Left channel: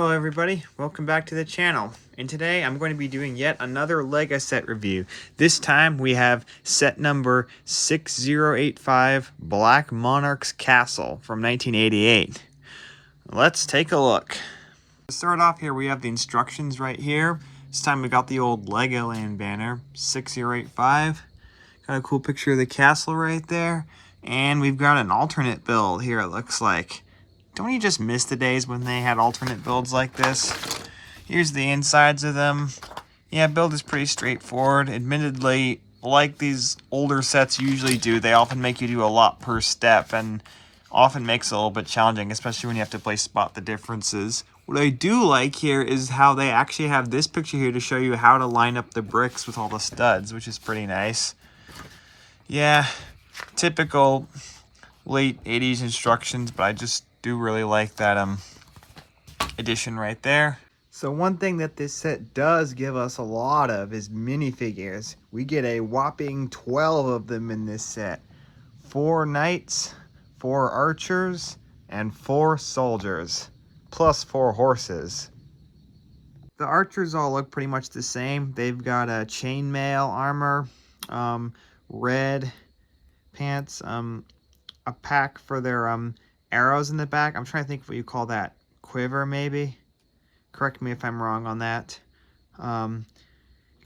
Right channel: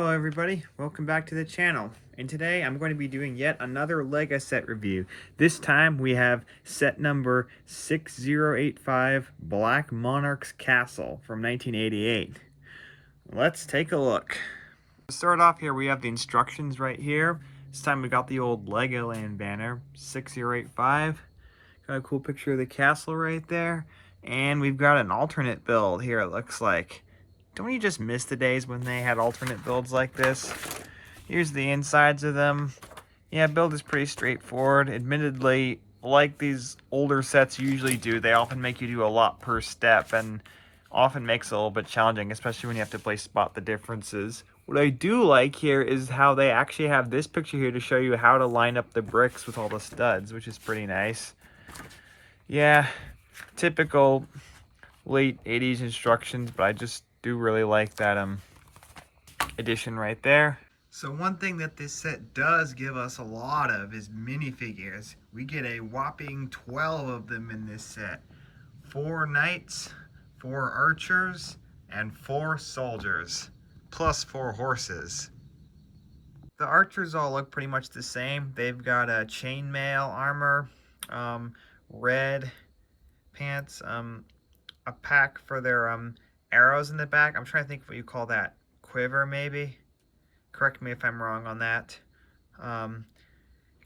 Hello everybody, welcome back to the channel. And today I'm going to be doing yet another LEGO set review. This time we have set number 6085 Black Monarch's Castle from 1988. Let's take a look. To start off here we have the instructions right here. This time we got the old Legoland banner, 6085. Got a cool picture of the castle right there. And we've got an alternate build here, it looks like. Don't you just miss the days when they had alternate builds like this? Here's the insides of them. Yeah, build is pretty straightforward. Admittedly, like these older sets usually do, they often make you do a lot per step and often makes it a little bit challenging, especially when you have to play spot the differences. What I do like here is how they actually have this picture here to show you how to line up the bricks with all the studs, which is pretty nice. Yeah, typical late 80s instructions, but I just do really like that addition right there. So one thing that this set does give us a lot of is minifigures. We get a whopping 12 of them in this set. 4 knights, 4 archers, and 4 soldiers, plus 4 horses. The archers all look pretty much the same. They've got a chainmail armor, red pants, a pack for their arrows in the back. I'm trying to think what you call that. Quiver, maybe? Correct me if I'm wrong on that. You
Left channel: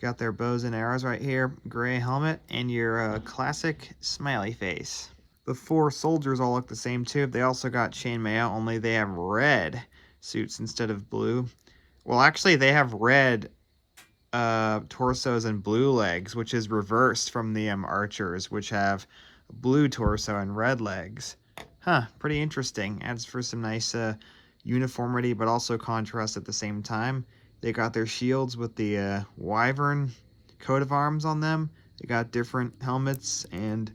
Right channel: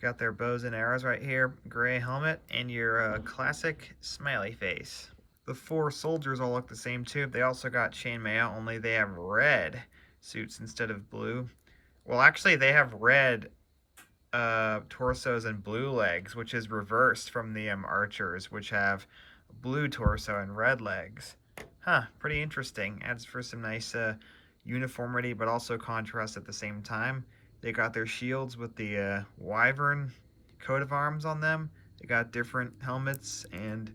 got their bows and arrows right here. Gray helmet and your classic smiley face. The 4 soldiers all look the same too. They also got chainmail, only they have red suits instead of blue. Well, actually, they have red torsos and blue legs, which is reversed from the archers, which have blue torso and red legs. Huh, pretty interesting. Adds for some nice uniformity, but also contrast at the same time. They got their shields with the wyvern coat of arms on them. They got different helmets, and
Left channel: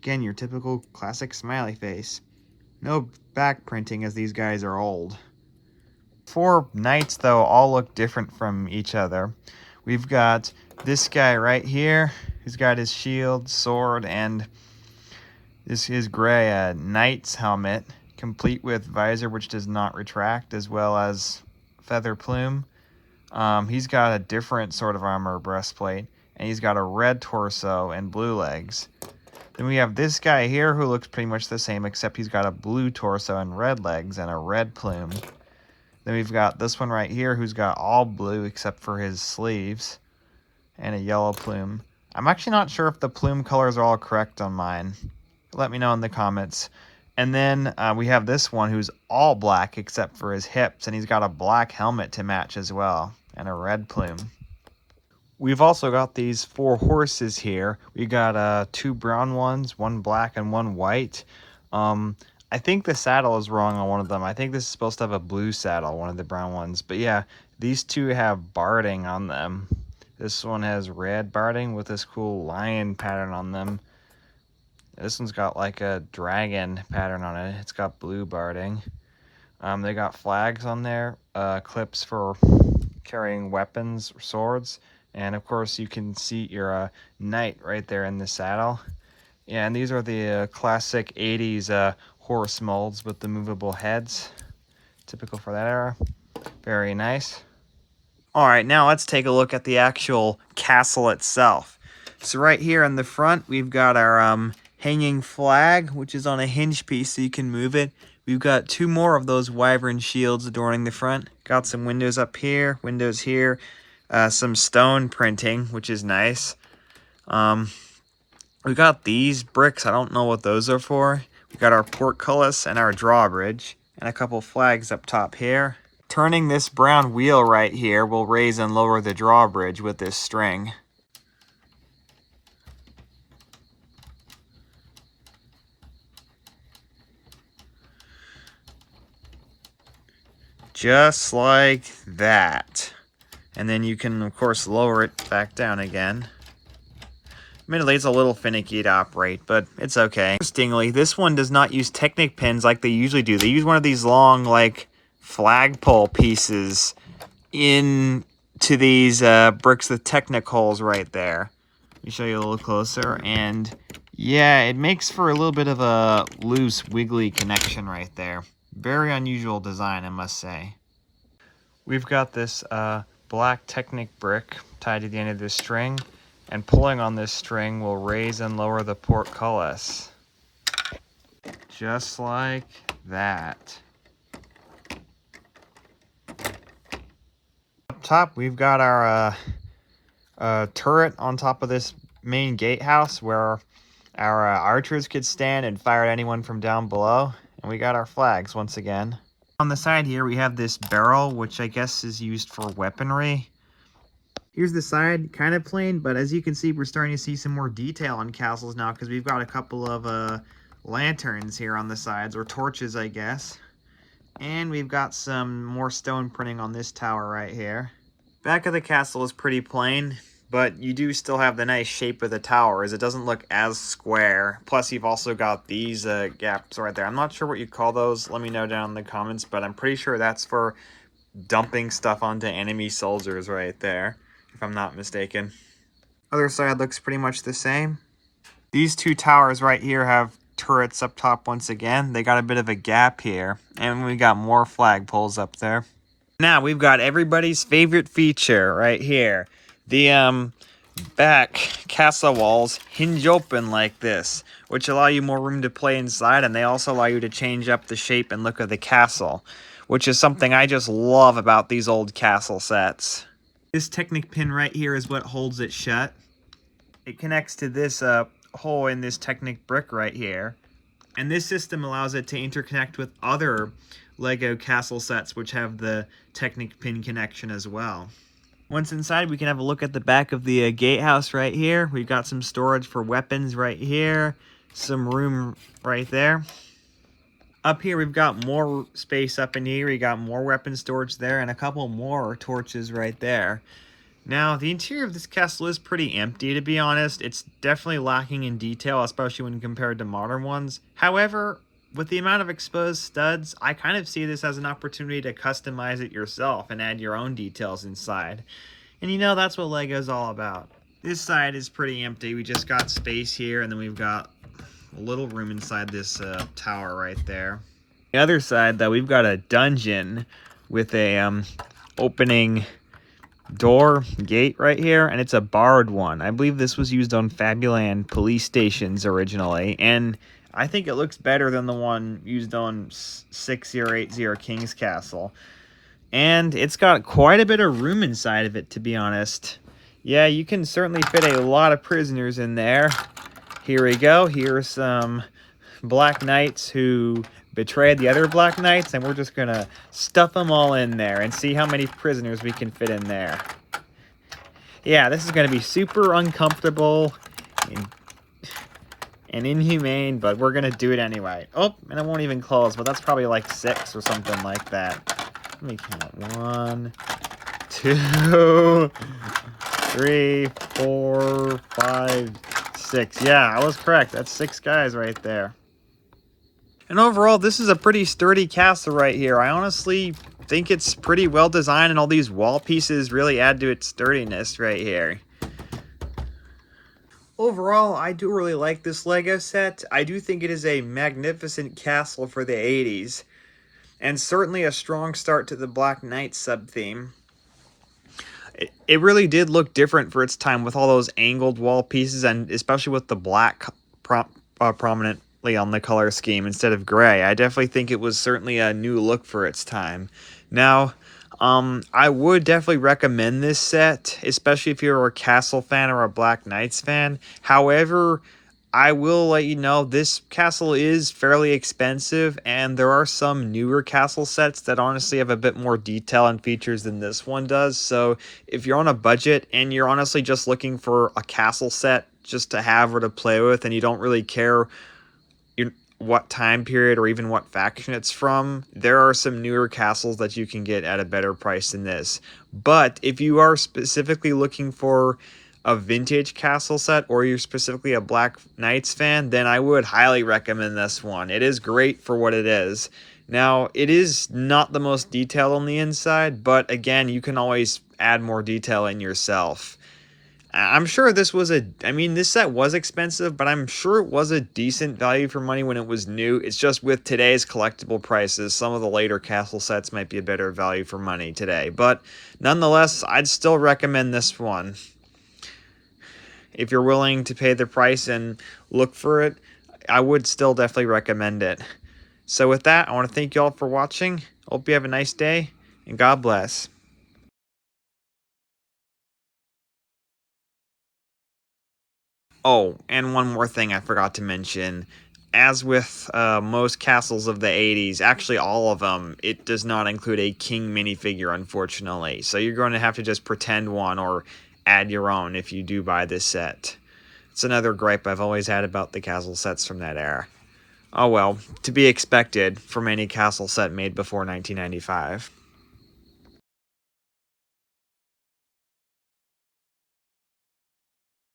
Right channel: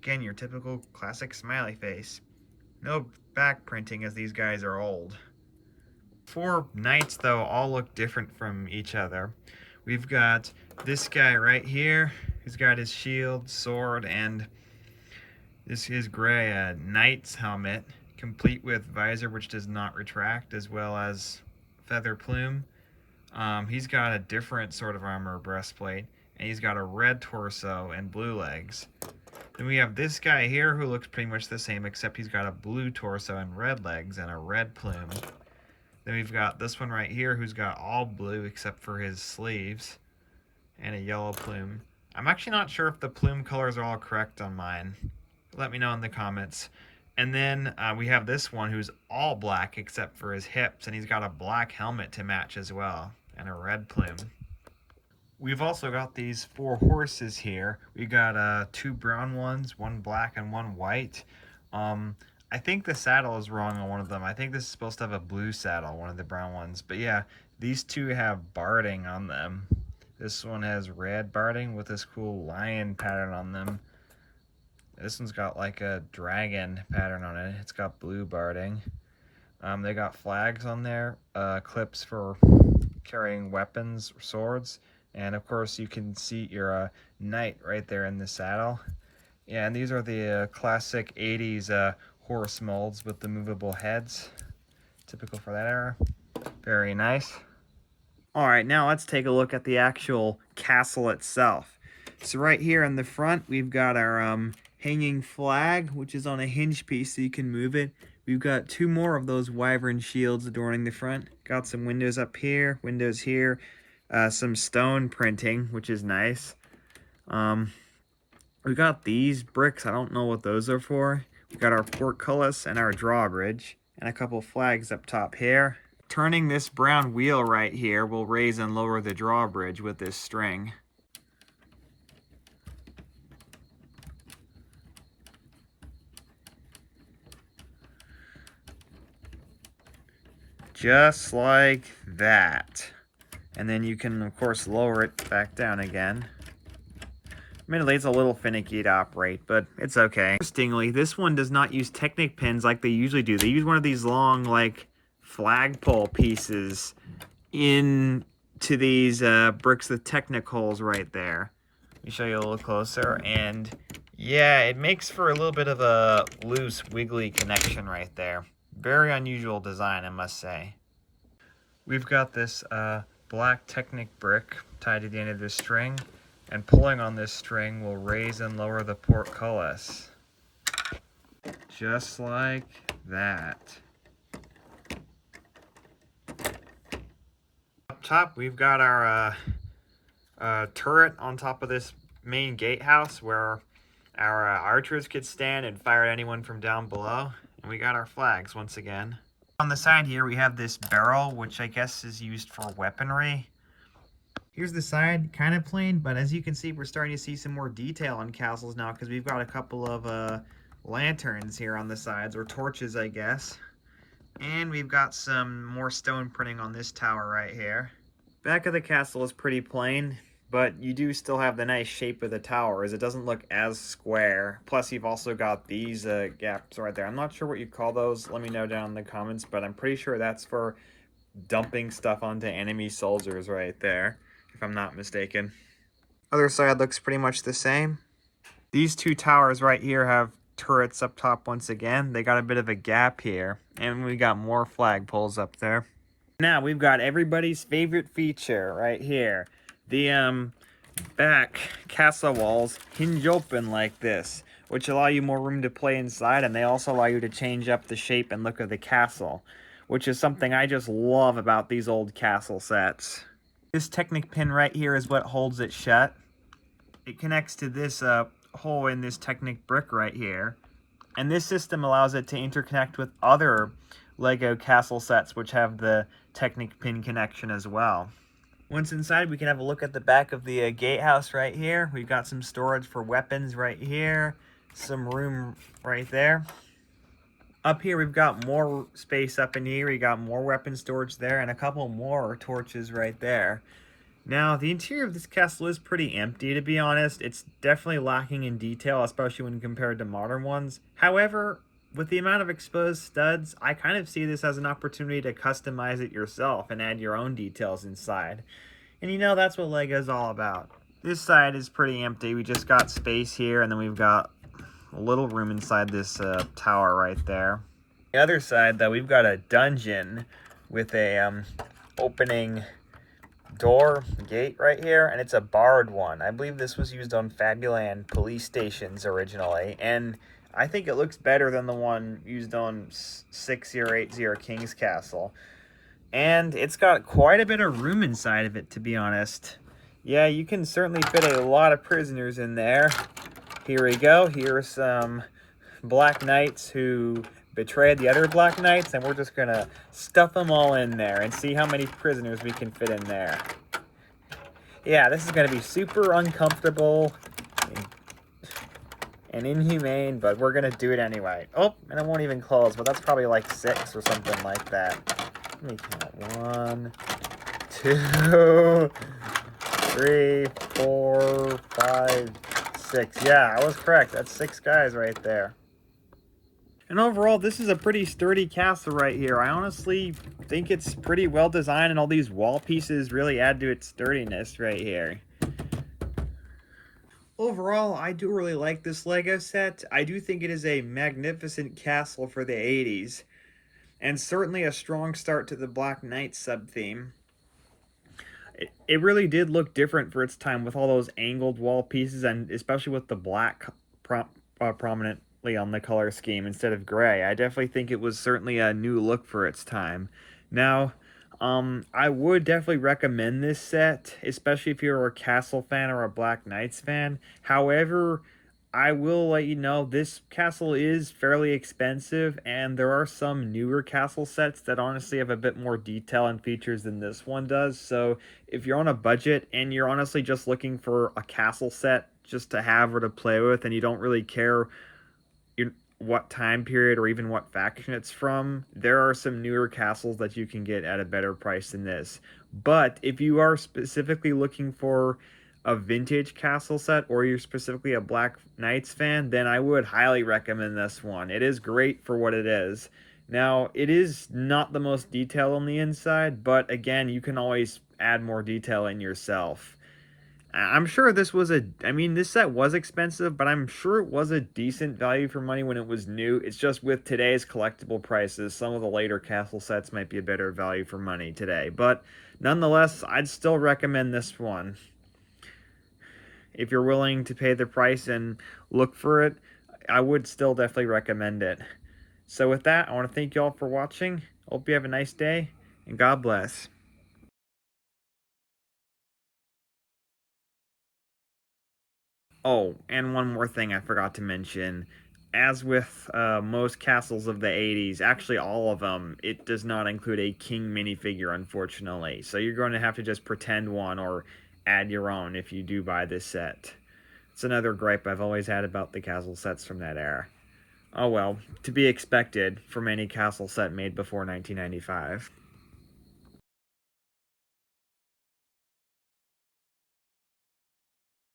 again, your typical classic smiley face. No back printing, as these guys are old. 4 knights, though, all look different from each other. We've got this guy right here. He's got his shield, sword, and this is gray knight's helmet, complete with visor which does not retract, as well as feather plume. He's got a different sort of armor breastplate, and he's got a red torso and blue legs. Then we have this guy here who looks pretty much the same, except he's got a blue torso and red legs and a red plume. Then we've got this one right here who's got all blue except for his sleeves and a yellow plume. I'm actually not sure if the plume colors are all correct on mine. Let me know in the comments. And then we have this one who's all black except for his hips, and he's got a black helmet to match as well, and a red plume. We've also got these 4 horses here. We got 2 brown ones, 1 black and 1 white. I think the saddle is wrong on one of them. I think this is supposed to have a blue saddle, one of the brown ones. But yeah, these 2 have barding on them. This one has red barding with this cool lion pattern on them. This one's got like a dragon pattern on it. It's got blue barding. They got flags on there, clips for carrying weapons, swords, and of course you can see your knight right there in the saddle. Yeah, and these are the classic 80s horse molds with the movable heads, typical for that era. Very nice. All right, now let's take a look at the actual castle itself. So right here in the front, we've got our hanging flag, which is on a hinge piece so you can move it. We've got 2 more of those wyvern shields adorning the front. Got some windows up here, windows here, some stone printing, which is nice. We got these bricks. I don't know what those are for. We got our portcullis and our drawbridge, and a couple flags up top here. Turning this brown wheel right here will raise and lower the drawbridge with this string. Just like that. And then you can, of course, lower it back down again. Admittedly, it's a little finicky to operate, but it's okay. Interestingly, this one does not use Technic pins like they usually do. They use one of these long, like, flagpole pieces into these bricks with Technic holes right there. Let me show you a little closer, and yeah, it makes for a little bit of a loose, wiggly connection right there. Very unusual design, I must say. We've got this black Technic brick tied to the end of this string, and pulling on this string will raise and lower the portcullis. Just like that. Up top, we've got our turret on top of this main gatehouse where our archers could stand and fire at anyone from down below. And we got our flags once again. On the side here, we have this barrel, which I guess is used for weaponry. Here's the side, kind of plain, but as you can see, we're starting to see some more detail on castles now because we've got a couple of lanterns here on the sides, or torches, I guess. And we've got some more stone printing on this tower right here. Back of the castle is pretty plain, but you do still have the nice shape of the tower, as it doesn't look as square. Plus, you've also got these gaps right there. I'm not sure what you call those. Let me know down in the comments, but I'm pretty sure that's for dumping stuff onto enemy soldiers right there, if I'm not mistaken. Other side looks pretty much the same. These two towers right here have turrets up top once again. They got a bit of a gap here, and we got more flagpoles up there. Now we've got everybody's favorite feature right here. The back castle walls hinge open like this, which allow you more room to play inside, and they also allow you to change up the shape and look of the castle, which is something I just love about these old castle sets. This Technic pin right here is what holds it shut. It connects to this hole in this Technic brick right here, and this system allows it to interconnect with other Lego castle sets which have the Technic pin connection as well. Once inside, we can have a look at the back of the gatehouse right here. We've got some storage for weapons right here, some room right there. Up here, we've got more space up in here. We got more weapon storage there and a couple more torches right there. Now, the interior of this castle is pretty empty, to be honest. It's definitely lacking in detail, especially when compared to modern ones. However, with the amount of exposed studs, I kind of see this as an opportunity to customize it yourself and add your own details inside. And you know, that's what Lego's all about. This side is pretty empty. We just got space here, and then we've got a little room inside this tower right there. The other side, though, we've got a dungeon with a opening door gate right here, and it's a borrowed one. I believe this was used on Fabuland police stations originally, and I think it looks better than the one used on 6080 King's Castle. And it's got quite a bit of room inside of it, to be honest. Yeah, you can certainly fit a lot of prisoners in there. Here we go. Here's some Black Knights who betrayed the other Black Knights, and we're just gonna stuff them all in there and see how many prisoners we can fit in there. Yeah, this is gonna be super uncomfortable and inhumane, but we're gonna do it anyway. Oh, and it won't even close, but that's probably like 6 or something like that. Let me count. 1, 2, 3, 4, 5, 6. Yeah, I was correct. That's 6 guys right there. And overall, this is a pretty sturdy castle right here. I honestly think it's pretty well designed, and all these wall pieces really add to its sturdiness right here. Overall, I do really like this Lego set. I do think it is a magnificent castle for the 80s, and certainly a strong start to the Black Knight sub-theme. It really did look different for its time with all those angled wall pieces, and especially with the black prominently on the color scheme instead of gray. I definitely think it was certainly a new look for its time. Now, I would definitely recommend this set, especially if you're a Castle fan or a Black Knights fan. However, I will let you know this castle is fairly expensive, and there are some newer castle sets that honestly have a bit more detail and features than this one does. So if you're on a budget and you're honestly just looking for a castle set just to have or to play with, and you don't really care what time period or even what faction it's from, there are some newer castles that you can get at a better price than this. But if you are specifically looking for a vintage castle set, or you're specifically a Black Knights fan, then I would highly recommend this one. It is great for what it is. Now, it is not the most detailed on the inside, but again, you can always add more detail in yourself. I'm sure this was I mean, this set was expensive, but I'm sure it was a decent value for money when it was new. It's just with today's collectible prices, some of the later castle sets might be a better value for money today. But nonetheless, I'd still recommend this one. If you're willing to pay the price and look for it, I would still definitely recommend it. So with that, I want to thank you all for watching. Hope you have a nice day, and God bless. Oh, and one more thing I forgot to mention. As with most castles of the 80s, actually all of them, it does not include a king minifigure, unfortunately. So you're going to have to just pretend one or add your own if you do buy this set. It's another gripe I've always had about the castle sets from that era. Oh well, to be expected from any castle set made before 1995.